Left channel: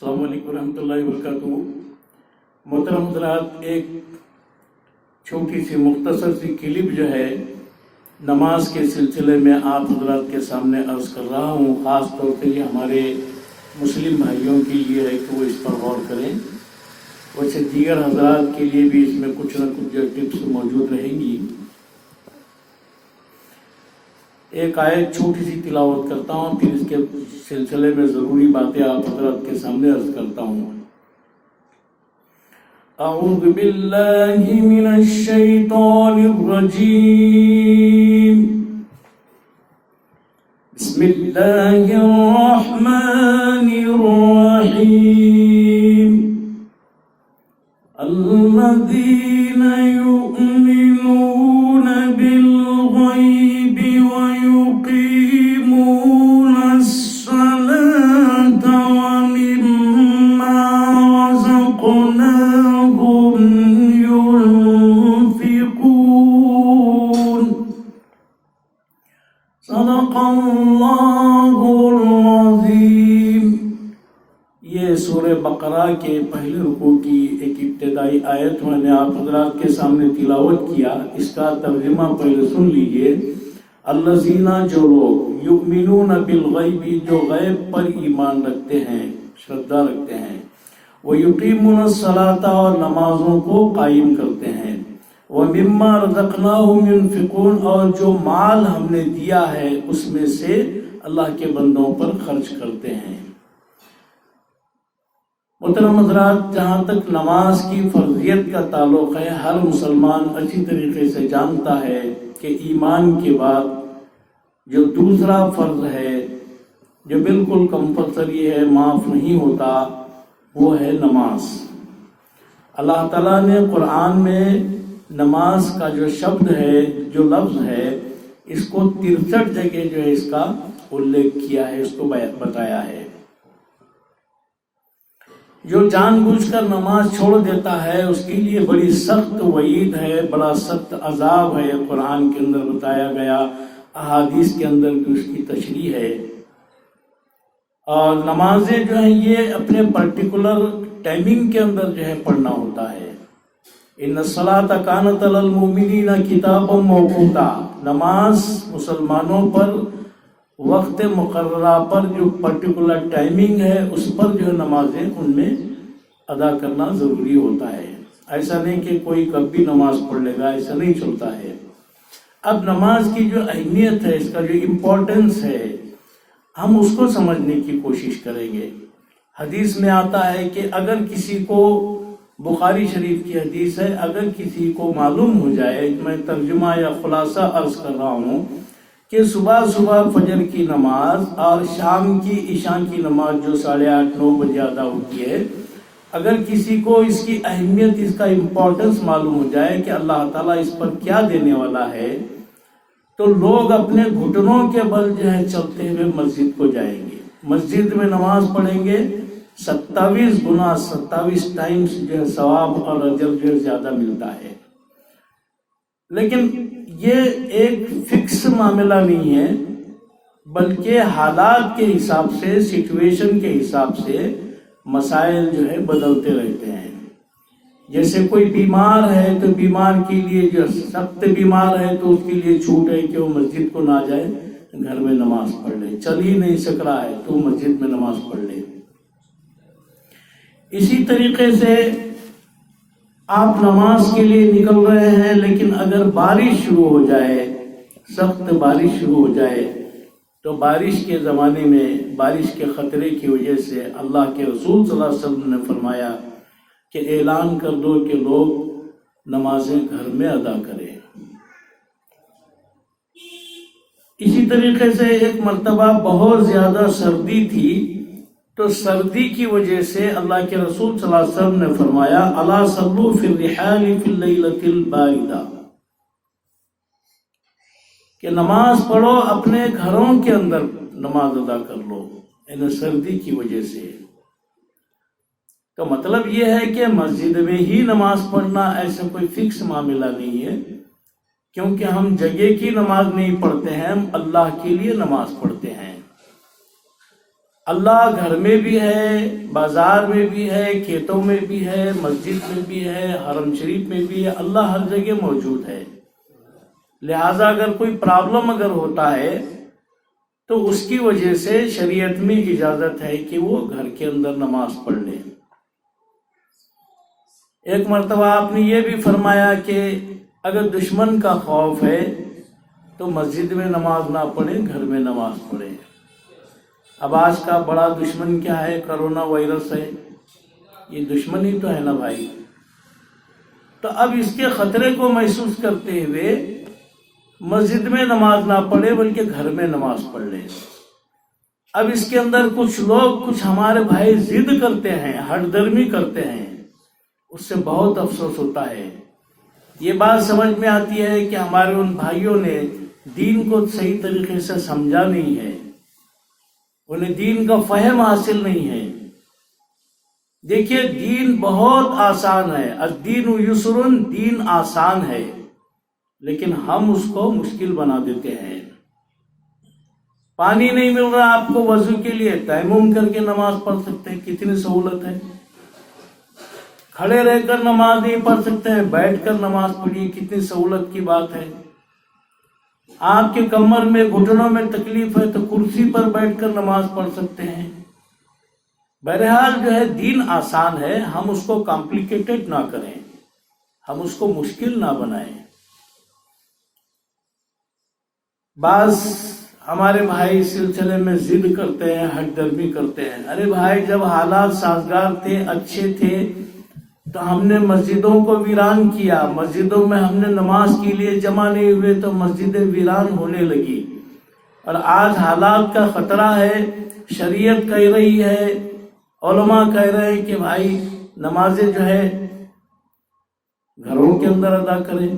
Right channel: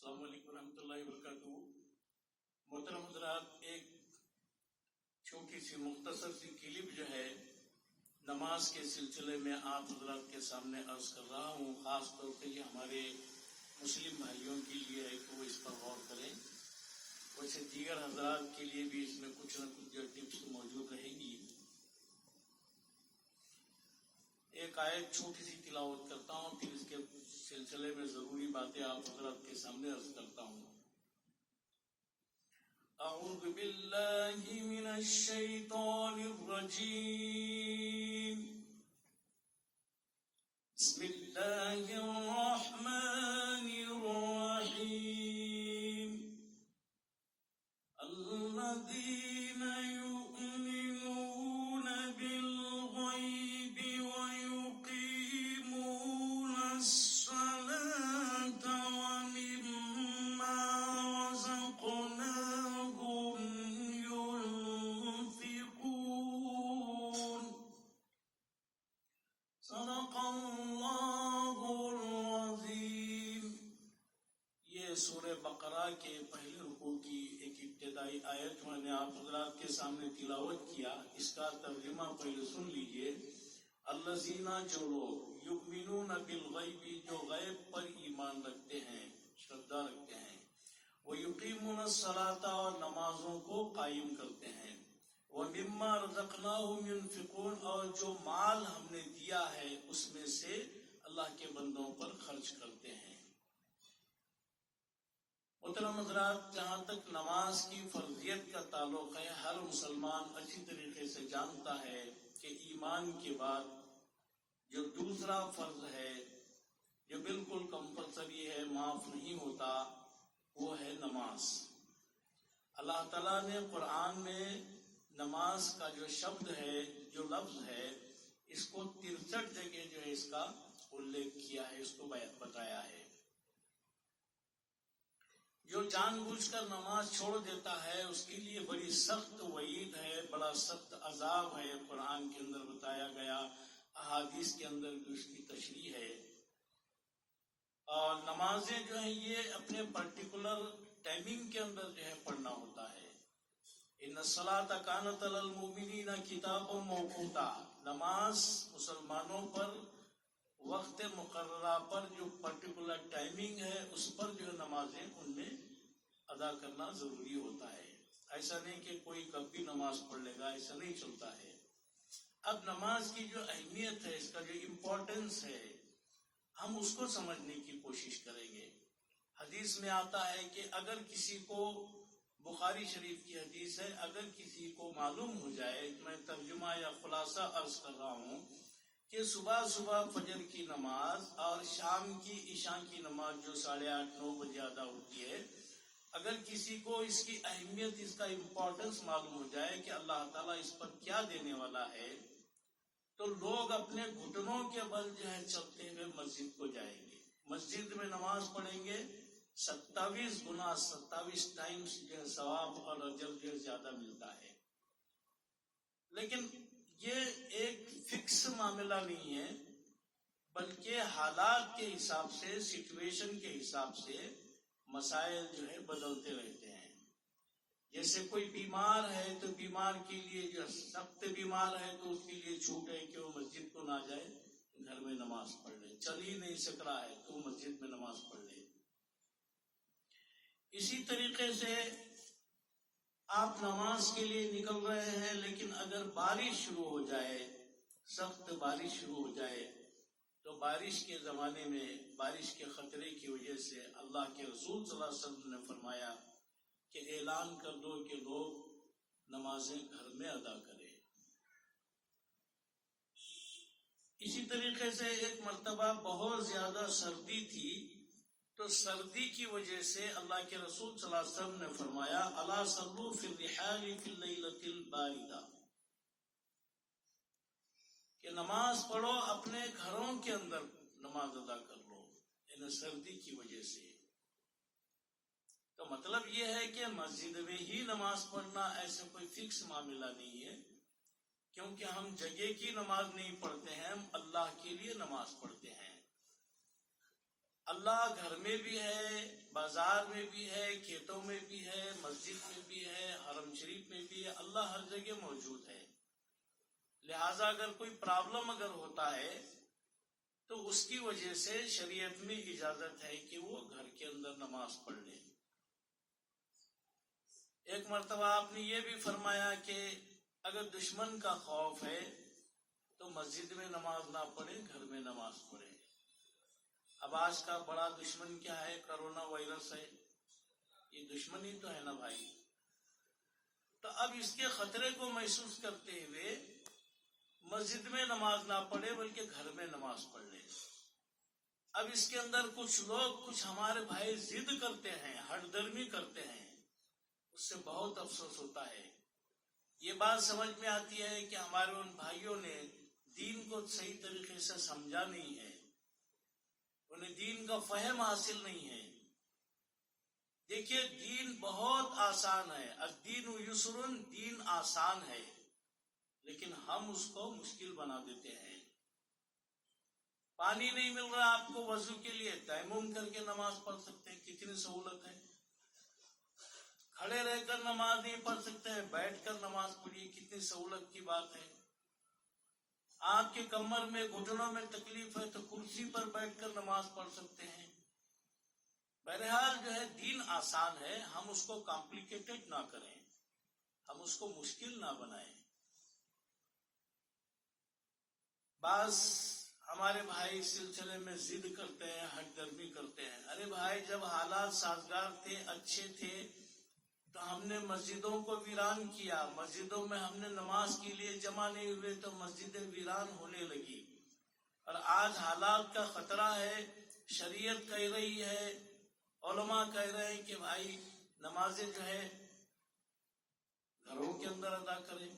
السلام علیکم ورحمۃ اللہ وبرکاتہ۔ محترم حضرات، ایک چھوٹی سی مختصر سی کلپ جو ہے نماز کے سلسلے میں آپ حضرات کے سامنے عرض کر رہا ہوں۔ خاص طور پہ یہ ہمارے مسلم بھائیوں کے لیے ہے کہ وہ اس پر غور کریں، ویسے دیگر حضرات کے لیے بھی اس میں کچھ نہ کچھ جو ٹپس موجود رہیں گی۔ ایک آیت چھوٹی سی تلاوت کرتا ہوں، پھر اس کے سلسلے میں ضروری باتیں آپ حضرات کے سامنے عرض کرتا ہوں۔ اعوذ باللہ من الشیطان الرجیم، بسم اللہ الرحمن الرحیم، الذین یؤمنون بالغیب ویقیمون الصلاة ومما رزقناهم ينفقون، صدق اللہ العظیم۔ یہ سورہ بقرہ کے پہلے رکوع کی ایک ابتدائی آیت میں نے آپ حضرات کے سامنے تلاوت کیا۔ اس کا ترجمہ پہلے سن لیجئے۔ الذین، جو لوگ، یؤمنون بالغیب، جو غیب پر ایمان رکھتے ہیں، شردا رکھتے ہیں، ویقیمون الصلاۃ، اور نمازوں کو قائم کرتے ہیں، ومما رزقناہم ينفقون، اور جو مال ہم نے دیا ہے اس میں سے اللہ کے بندوں پر خرچ کرتے ہیں۔ محترم حضرات، جہاں تک نماز کی فرضیت کا تعلق ہے، ہر مسلمان اچھی طریقے سے جانتا ہے کہ ایمان کے بعد جو دوسرا فرض ہے، جو بالکل کمپلسری ہے، معاف نہیں ہوتا، وہ ہے نماز۔ اللہ تعالیٰ نے قرآن میں نماز کا جو شبد ہے، جو لفظ ہے، اس کو 63 جگہ جو ہے اس کا الیکھ کیا ہے، اس کو بتایا ہے۔ جو جان بوجھ کر نماز چھوڑ دیتا ہے اس کے لیے بڑی سخت وعید ہے، بڑا سخت عذاب ہے، قرآن کے اندر بتایا گیا، احادیث کے اندر بھی اس کی تشریح ہے۔ اور نمازیں جو ہیں یہ اپنے پرٹیکولر ٹائمنگ کے اندر جو ہے پڑھنا ہوتا ہے۔ ان الصلاۃ کانت علی المؤمنین کتابا موقوتا، نماز مسلمانوں پر وقت مقررہ پر جو پرٹیکولر ٹائمنگ ہے اس پر جو نمازیں ان میں ادا کرنا ضروری ہوتا ہے۔ ایسا نہیں کہ کوئی کب بھی نماز پڑھ لے گا، ایسا نہیں چلتا ہے۔ اب نماز کی جو اہمیت ہے، اس کا جو امپورٹنس ہے، ہم اس کو سمجھنے کی کوشش کریں گے۔ حدیث میں آتا ہے کہ اگر کسی کو، بخاری شریف کی حدیث ہے، اگر کسی کو معلوم ہو جائے، میں ترجمہ یا خلاصہ عرض کر رہا ہوں، کہ صبح صبح فجر کی نماز اور شام کی عشاء کی نماز جو 8:30-9 بجے ادا ہوتی ہے، اگر کسی کو اس کی اہمیت، اس کا امپورٹنس معلوم ہو جائے کہ اللہ تعالیٰ اس پر کیا دینے والا ہے، تو لوگ اپنے گھٹنوں کے بل جو ہے چلتے ہوئے مسجد کو جائیں گے، مسجد میں نماز پڑھیں گے، 27 گنا 27 ٹائمز جو ہے ثواب اور اجر جو ہے زیادہ ملتا ہے۔ لیکن یہ ایک فکس معاملہ نہیں ہے، بلکہ حالات کے حساب سے، سچویشن کے حساب سے مسائل جو ہے بدلتے رہتے ہیں۔ جیسے کوئی بیمار ہے تو بیمار کے لیے، جو سخت بیمار ہے تو اس کے لیے چھوٹ ہے کہ وہ مسجد کو نہ جائے، گھر میں نماز پڑھ لے، چل ہی نہیں سک رہا ہے تو مسجد میں نماز پڑھ لے۔ اسی طریقے سے آپ نماز کے لیے نکل رہے ہیں، لیکن اگر بارش شروع ہو جائے، سخت بارش شروع ہو جائے، تو بارش کے زمانے میں بارش کے خطرے کی وجہ سے اللہ کے رسول صلی اللہ علیہ وسلم نے فرمایا کہ اعلان کر دو کہ لوگ نمازیں گھر میں ادا کریں۔ اسی طریقے سے ایک مرتبہ بہت زیادہ سردی تھی، تو سردی کی وجہ سے اللہ کے رسول صلی اللہ علیہ وسلم نے فرمایا الا صلوا فی الرحال فی اللیلۃ الباردہ، کہ نماز پڑھو، اپنے گھروں کے اندر نماز ادا کر لو، یعنی سردی کی وجہ سے۔ تو مطلب یہ ہے کہ مسجد میں ہی نماز پڑھنا ایسا کوئی فکس معاملہ نہیں ہے، کیونکہ ہم جگہ کی نماز نہیں پڑھتے ہیں، ہم اللہ کے لیے نماز پڑھتے ہیں۔ اللہ گھر میں بھی ہے، بازار میں بھی ہے، کھیتوں میں بھی ہے، مسجد میں بھی ہے، حرم شریف میں بھی ہے، اللہ ہر جگہ موجود ہے۔ لہٰذا اگر کوئی پرابلم اگر ہوتا ہے تو اس کی وجہ سے شریعت میں اجازت ہے کہ وہ گھر کے اندر نماز پڑھ لے۔ ایک مرتبہ آپ نے یہ بھی فرمایا کہ اگر دشمن کا خوف ہے تو مسجد میں نماز نہ پڑھے، گھر میں نماز پڑھے۔ اب آج کا بڑا دشمن کیا ہے؟ کرونا وائرس ہے، یہ دشمن ہی تو ہے نا بھائی۔ تو اب اس کے خطرے کو محسوس کرتے ہوئے مسجد میں نماز نہ پڑھے بلکہ گھر میں نماز پڑھ لے۔ اب اس کے اندر کچھ لوگ، کچھ ہمارے بھائی ضد کرتے ہیں، ہٹ درمی کرتے ہیں، اس سے بہت افسوس ہوتا ہے۔ یہ بات سمجھ میں آتی ہے کہ ہمارے ان بھائیوں نے دین کو صحیح طریقے سے سمجھا نہیں ہے، انہیں دین کا فہم حاصل نہیں ہے۔ دیکھیے دین بہت آسان ہے، الدین یسر، دین آسان ہے، لیکن ہم اس کو مشکل بنا دیتے ہیں۔ پانی نہیں مل رہا آپ کو وضو کے لیے، تیمم کر کے نماز پڑھ سکتے ہیں، کتنی سہولت ہے۔ کھڑے رہ کر نماز نہیں پڑھ سکتے ہیں، بیٹھ کر نماز پڑھیے، کتنی سہولت کی بات ہے۔ آپ کے کمر میں، گھٹنوں میں تکلیف ہے تو کرسی پر بیٹھ کر نماز پڑھ سکتے ہیں۔ بہرحال جو ہے دین آسان ہے، ہم اس کو کمپلیکیٹڈ نہ کریں، ہم اس کو مشکل نہ بنائیں۔ بعض ہمارے بھائی اس سلسلے میں ضد کرتے ہیں، ہٹ درمی کرتے ہیں۔ ارے بھائی جب حالات سازگار تھے، اچھے تھے، تو ہم نے مسجدوں کو ویران کیا، مسجدوں میں ہم نے نماز کے لیے جمع نہیں ہوئے تو مسجدیں ویران ہونے لگی۔ اور آج حالات کا خطرہ ہے، شریعت کہہ رہی ہے، علماء کہہ رہے ہیں کہ بھائی نمازیں جو ہے گھروں کے اندر ادا کریں۔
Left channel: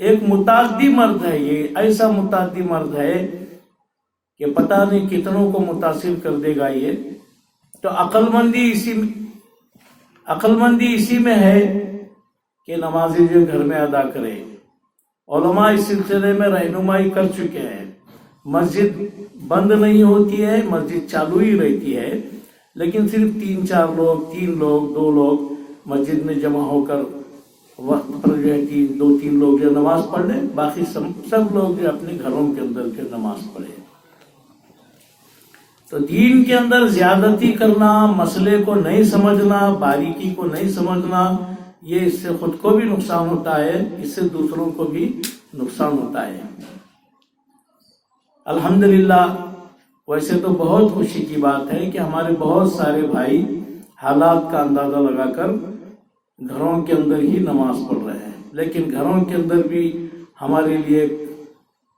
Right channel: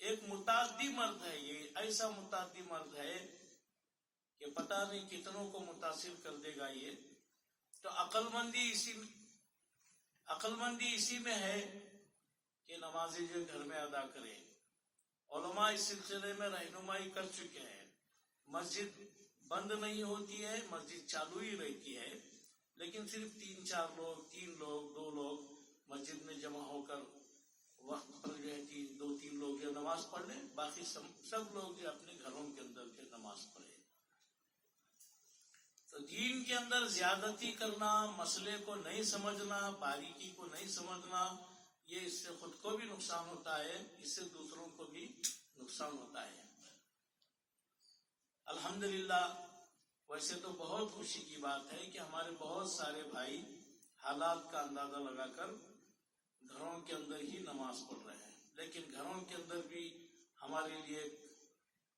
ایک متعدی مرد ہے، یہ ایسا متعدی مرد ہے کہ پتہ نہیں کتنوں کو متاثر کر دے گا یہ۔ تو عقل مندی اسی میں ہے کہ نمازیں جو گھر میں ادا کرے۔ علماء اس سلسلے میں رہنمائی کر چکے ہیں، مسجد بند نہیں ہوتی ہے، مسجد چالو ہی رہتی ہے، لیکن صرف 3 لوگ 2 لوگ مسجد میں جمع ہو کر وقت پر جو ہے 2-3 لوگ جو نماز پڑھ لیں، باقی سب لوگ جو اپنے گھروں کے اندر جو نماز پڑھیں۔ تو دین کے اندر زیادتی کرنا، مسئلے کو نہیں سمجھنا، باریکی کو نہیں سمجھنا، یہ اس سے خود کو بھی نقصان ہوتا ہے، اس سے دوسروں کو بھی نقصان ہوتا ہے۔ الحمدللہ ویسے تو بہت خوشی کی بات ہے کہ ہمارے بہت سارے بھائی حالات کا اندازہ لگا کر گھروں کے اندر ہی نماز پڑھ رہے ہیں، لیکن گھروں کے اندر بھی ہمارے لیے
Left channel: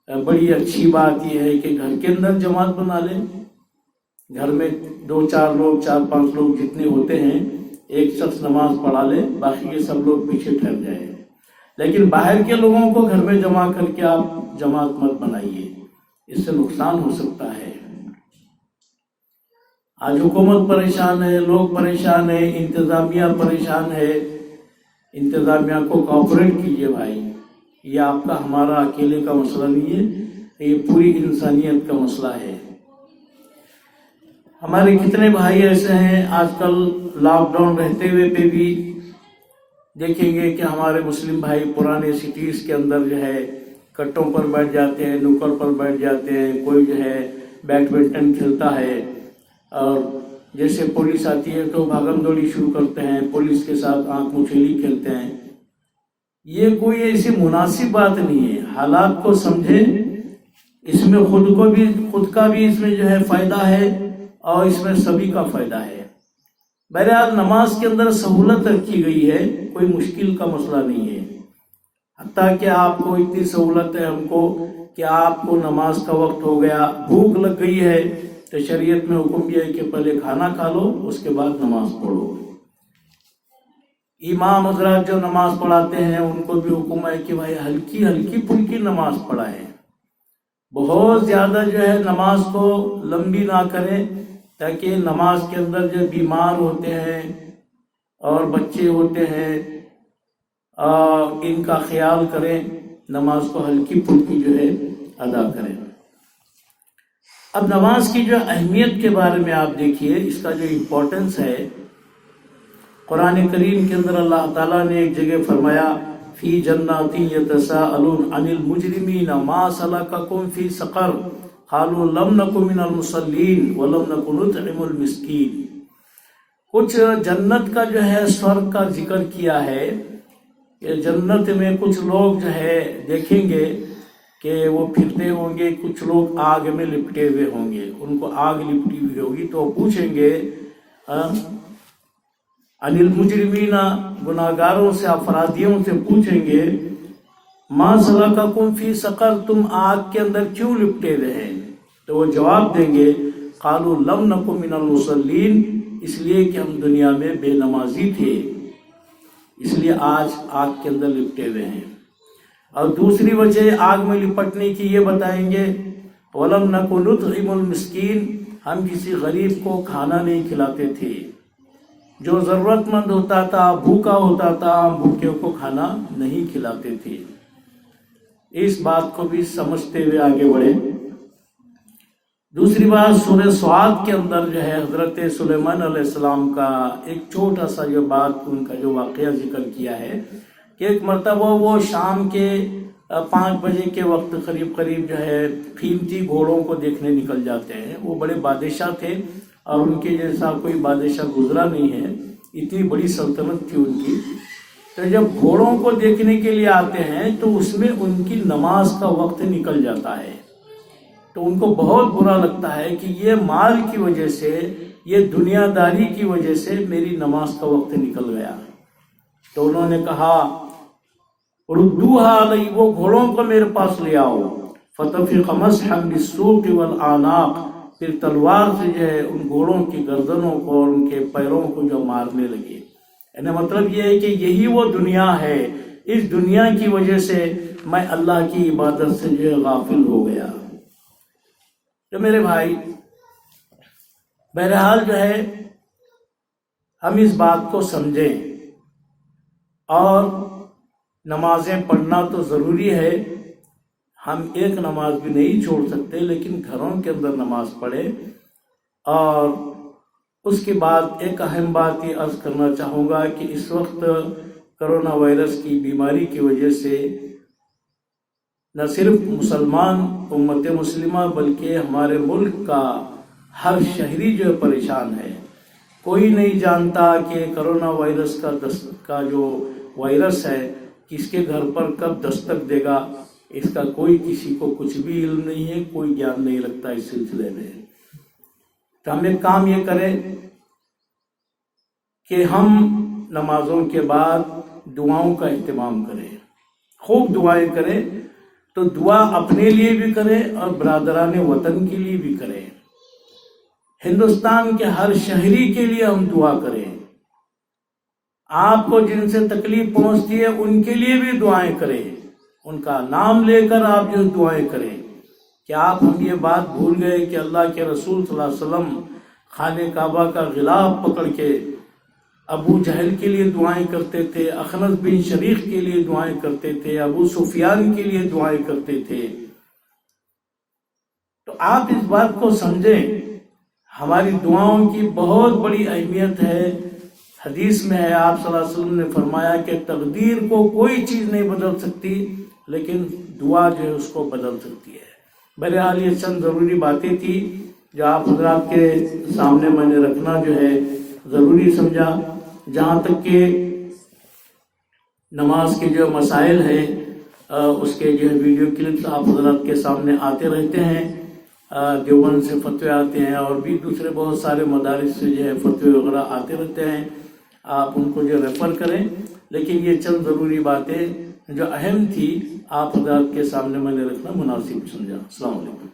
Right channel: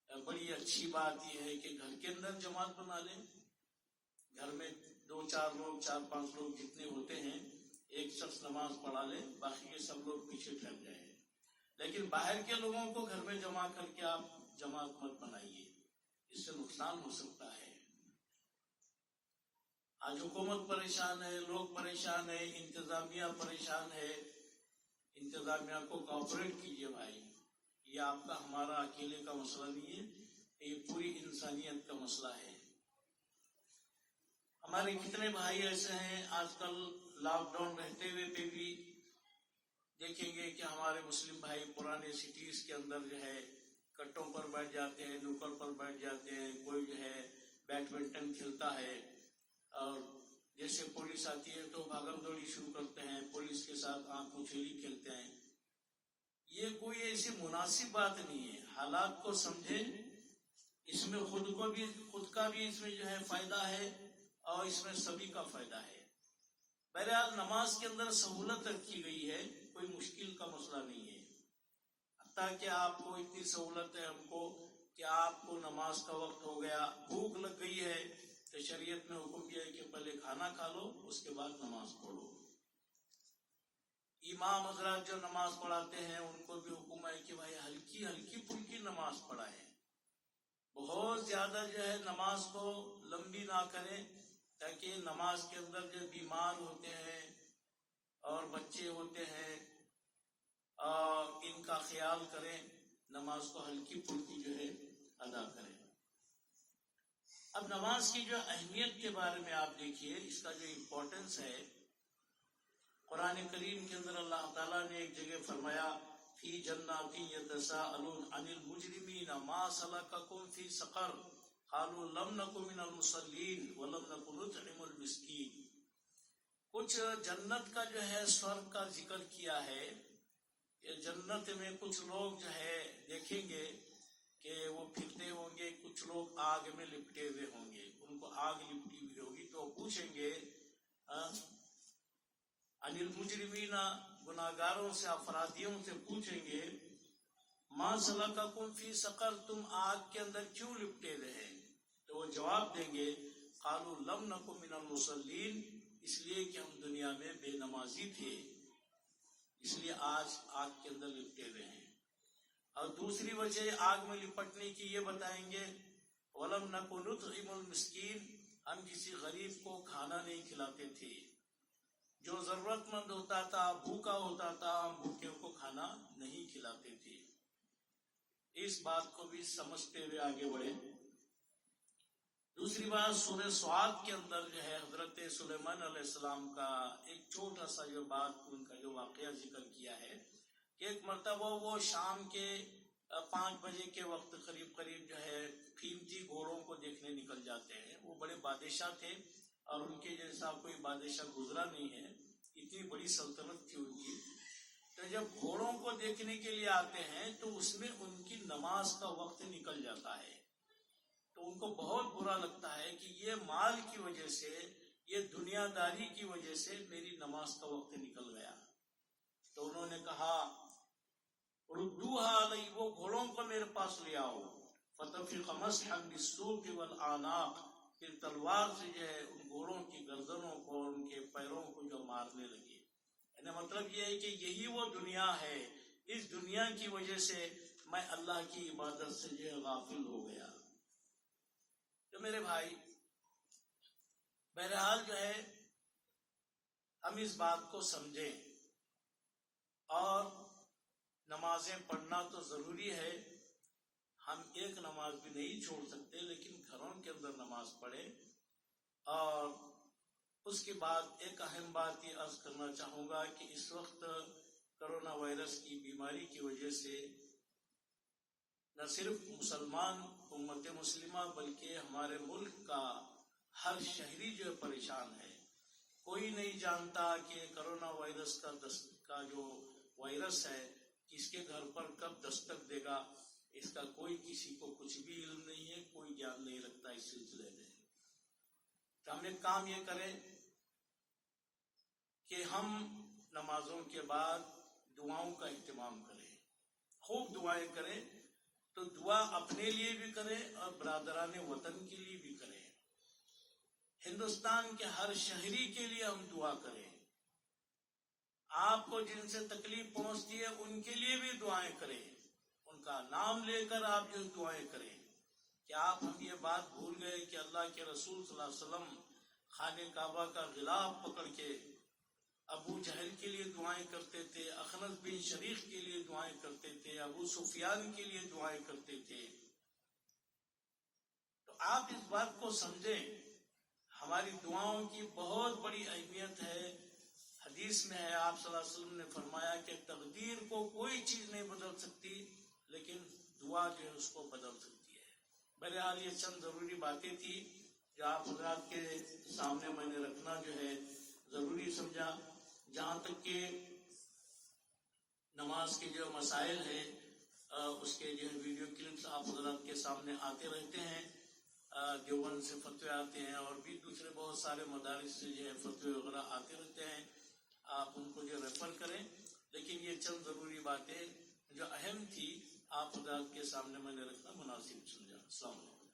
بڑی اچھی بات یہ ہے کہ گھر کے اندر جماعت بنا لیں۔ گھر میں 2-4 لوگ، 4-5 لوگ جتنے ہوتے ہیں، ایک شخص نماز پڑھا لے، باقی کے سب لوگ پیچھے ٹھہر جائیں۔ لیکن باہر کے لوگوں کو گھر میں جمع کر کے آپ جماعت مت بنائیے، اس سے نقصان ہو سکتا ہے۔ آج حکومت پریشان ہے، لوگ پریشان ہیں، انتظامیہ پریشان ہے۔ انتظامیہ کو کوآپریٹ کیجیے بھائی، یہ آپ کا ہمارا اکیلے کا مسئلہ نہیں ہے، یہ پوری انسانیت کا مسئلہ ہے۔ ہمارے کتنے بھائی ایسے ہیں آج کل لاک ڈاؤن رہتے ہوئے پہ بھی دیکھیں گے کہ ہمارے مسلم بھائی پرانے سٹیز کے اندر جو ہے کٹوں پر بیٹھ جاتے ہیں، نکڑ پر بیٹھ جاتے ہیں، کوئی جو ہے بیڈمنٹن کھیلتا ہے، اور جیسے پولیس آتی ہے تو بھاگم دوڑی شروع کرتے ہیں، پولیس کے ساتھ آنکھ مچھلی کھیلتے ہیں۔ یہ کوئی ایسی مناسب بات نہیں ہے۔ حالات کو سمجھیں، اس میں خود کا بھی اس میں جو ہے فائدہ ہے اور اس میں سبھی کا فائدہ ہے۔ بہرحال نماز کے اندر سہولت رکھی گئی ہے، کوئی مشکل کا مسئلہ نہیں ہے۔ حتیٰ کہ آپ کو اتنی سہولت ہے ہم کو کہ آپ کو نماز کا وقت ہو گیا، بھوک لگ گئی ہے، تو شریعت میں حکم یہ ہے کہ پہلے کھانا کھا لو، اس کے بعد نماز پڑھو۔ امام حضرات جو نماز پڑھاتے ہیں ان کو بھی حکم ہے کہ بھائی ہلکی پھلکی نماز پڑھائیں، بہت زیادہ جو ہے نماز کو لمبی نہ کریں، تاکہ نماز کے اندر جو بیمار ہوتے ہیں اور بچے ہوتے ہیں ان کا خیال کریں، نماز کو ہلکی پھلکی جو ہے ادا کریں۔ اب نماز کی جو اہمیت کے بارے میں آپ دیکھیے، اس کا جو امپورٹنس ہے، قرآن کریم کے اندر اللہ تعالیٰ نے ایک جگہ فرمایا فی جنات یتساءلون عن المجرمین ما سلککم فی سقر قالوا لم نک من المصلین ولم نک نطعم المسکین۔ کچھ جنت کا جو ہے سورگ کا ذکر کیا ہے کہ جنت میں کچھ لوگ جو ہے دیکھیں گے کہ وہ پھرتے ہوں گے، کچھ لوگ آگ میں لپٹے ہوئے ہوں گے، ان کو آگ لپٹی ہوئی ہوگی تو پوچھیں گے عن المجرمین، گناہگاروں سے، اپرادھیوں سے پوچھیں گے ما سلککم فی سقر، تم آگ کے اندر کیوں لپٹے ہوئے ہیں؟ تو وہ جواب دیں گے قالوا لم نک من المصلین، اس لیے کہ ہم دنیا میں بے نمازی تھے، اس لیے آج آگ کے اندر لپٹے ہوئے ہیں۔ اور دوسری وجہ آگ میں لپٹنے کی یہ بتائیں گے وَلَمْ نَكُ نُطْعِمُ الْمِسْكِينَ، ہم کسی غریب کو کھانا نہیں کھلاتے تھے، جو ضرورت مند ہوتا تھا، بھوکا ہوتا تھا، ہم بھوکے کو کھانا نہیں کھلاتے تھے۔ اس بات کو بھی سمجھتے ہوئے آگے بڑھے۔ دوسری بات سورہ سعد کے اندر جو ہے حضرت سلیمان علیہ السلام کا ایک چھوٹا سا جو بات، ان کا جو واقعہ ذکر کیا ہے کہ ایک مرتبہ وہ شام کے 5 بجے کے وقت قریب جو ہے قیمتی گھوڑوں کو دیکھنے نکل جاتے ہیں۔ وہ بڑے بادشاہ تھے اور ان کے جیسا کوئی بادشاہ گزرا نہیں ہے، اتنی بڑی سلطنت تھی ان کی۔ تو جب گھوڑوں کو دیکھنے کے لیے آتے ہیں تو اس میں ان کی نماز کا وقت نکل جاتا ہے، تو ان کو بہت برا لگتا ہے کہ یہ مال کی وجہ سے، یہ دنیا داری کی وجہ سے میری نماز کا وقت نکل گیا۔ تو انہوں نے کہا ردوہا علی، وہ گھوڑوں کو میرے پاس لے آؤ، فطفق مسحا بالسوق والاعناق، پھر تلوار سے جو ہے ان گھوڑوں کی گردنوں کو اور ان کے پیروں کو جو مارنے لگے۔ یعنی مطلب یہ ہے کہ یہی وہ دنیا ہے، اس دنیا کی وجہ سے میں اللہ کی عبادت سے جو ہے غافل ہو گیا۔ تو میرے بھائی، بہرحال جو ہے ہم اس بات کو سمجھیں، اور نمازیں پڑھنا تو ضروری ہے، ہم ایک نماز بھی نہیں چھوڑ سکتے، لیکن گھروں کے اندر نماز پڑھیں۔ اور اس کے بعد ایک اہم بات یہ عرض کرنا چاہوں گا کہ اس وقت کرونا وائرس کی بیماری کی وجہ سے نہ صرف مسلمان امت مسلمہ بلکہ ہمارے ملک کا ہر شہری جو ہے پریشان ہے۔ کوئی نہیں جانتا کہ کرونا وائرس کا جو وائرس ہے کس کے گھر پر کب دستک دے گا، اس کا کوئی کسی کو کچھ بھی علم نہیں ہے، کوئی گیان نہیں رکھتا اس سلسلے میں۔ تو ہم ایک کام یہ کریں کہ ہم نمازوں کے بعد دعاؤں کا اہتمام کریں، خوب دعائیں کریں۔ تو دعا اپنے لیے بھی کریں اور برادران وطن کے لیے بھی کریں، ہندوستان کے ہر شہری کے لیے ہم دعا کریں۔ آپ کو جن سے تکلیف پہنچتی ہے ان کے لیے بھی دعائیں کریں، ان کا نام لے کر آپ جو دعائیں کریں۔ کیا آپ ہم یہ بات بھول گئے کہ اللہ کے رسول صلی اللہ علیہ وسلم خانہ کعبہ کا غلاف پکڑ کے ابو جہل کے لیے دعائیں کرتے تھے، اخنس بن شریق کے لیے دعائیں کرتے تھے، ابو سفیان کے لیے دعائیں کرتے تھے؟ تو آپ اس بات کو سمجھیں، ہماری دعاؤں کی بہت بڑی اہمیت ہے۔ حدیث میں ہے، آپ صلی اللہ علیہ وسلم نے فرمایا کہ تقدیر کو کوئی چیز نہیں بدل سکتی، لیکن دعا جو ہے اس کو بدل سکتی ہے۔ بہرحال یہ چند ضروری باتیں تھی جو آپ حضرات کے سامنے میں نے رکھنا جو ہے ضروری سمجھا۔ جہاں تک کہ نماز کے جو مسائل ہیں اس کے جو ہے ویڈیو کلپس آپ حضرات کے سامنے آتے رہتے ہیں، دیوبند سے فتوے آتے ہیں اور بھی دوسرے بہت سارے مدارس سے جو ہے فتوے وغیرہ آتے رہتے ہیں، آپ ان کو جو ریفر کریں۔ لیکن یہ چند ضروری باتیں جو اہم تھی آپ حضرات کے سامنے میں نے رکھنا مناسب سمجھا۔ السلام علیکم۔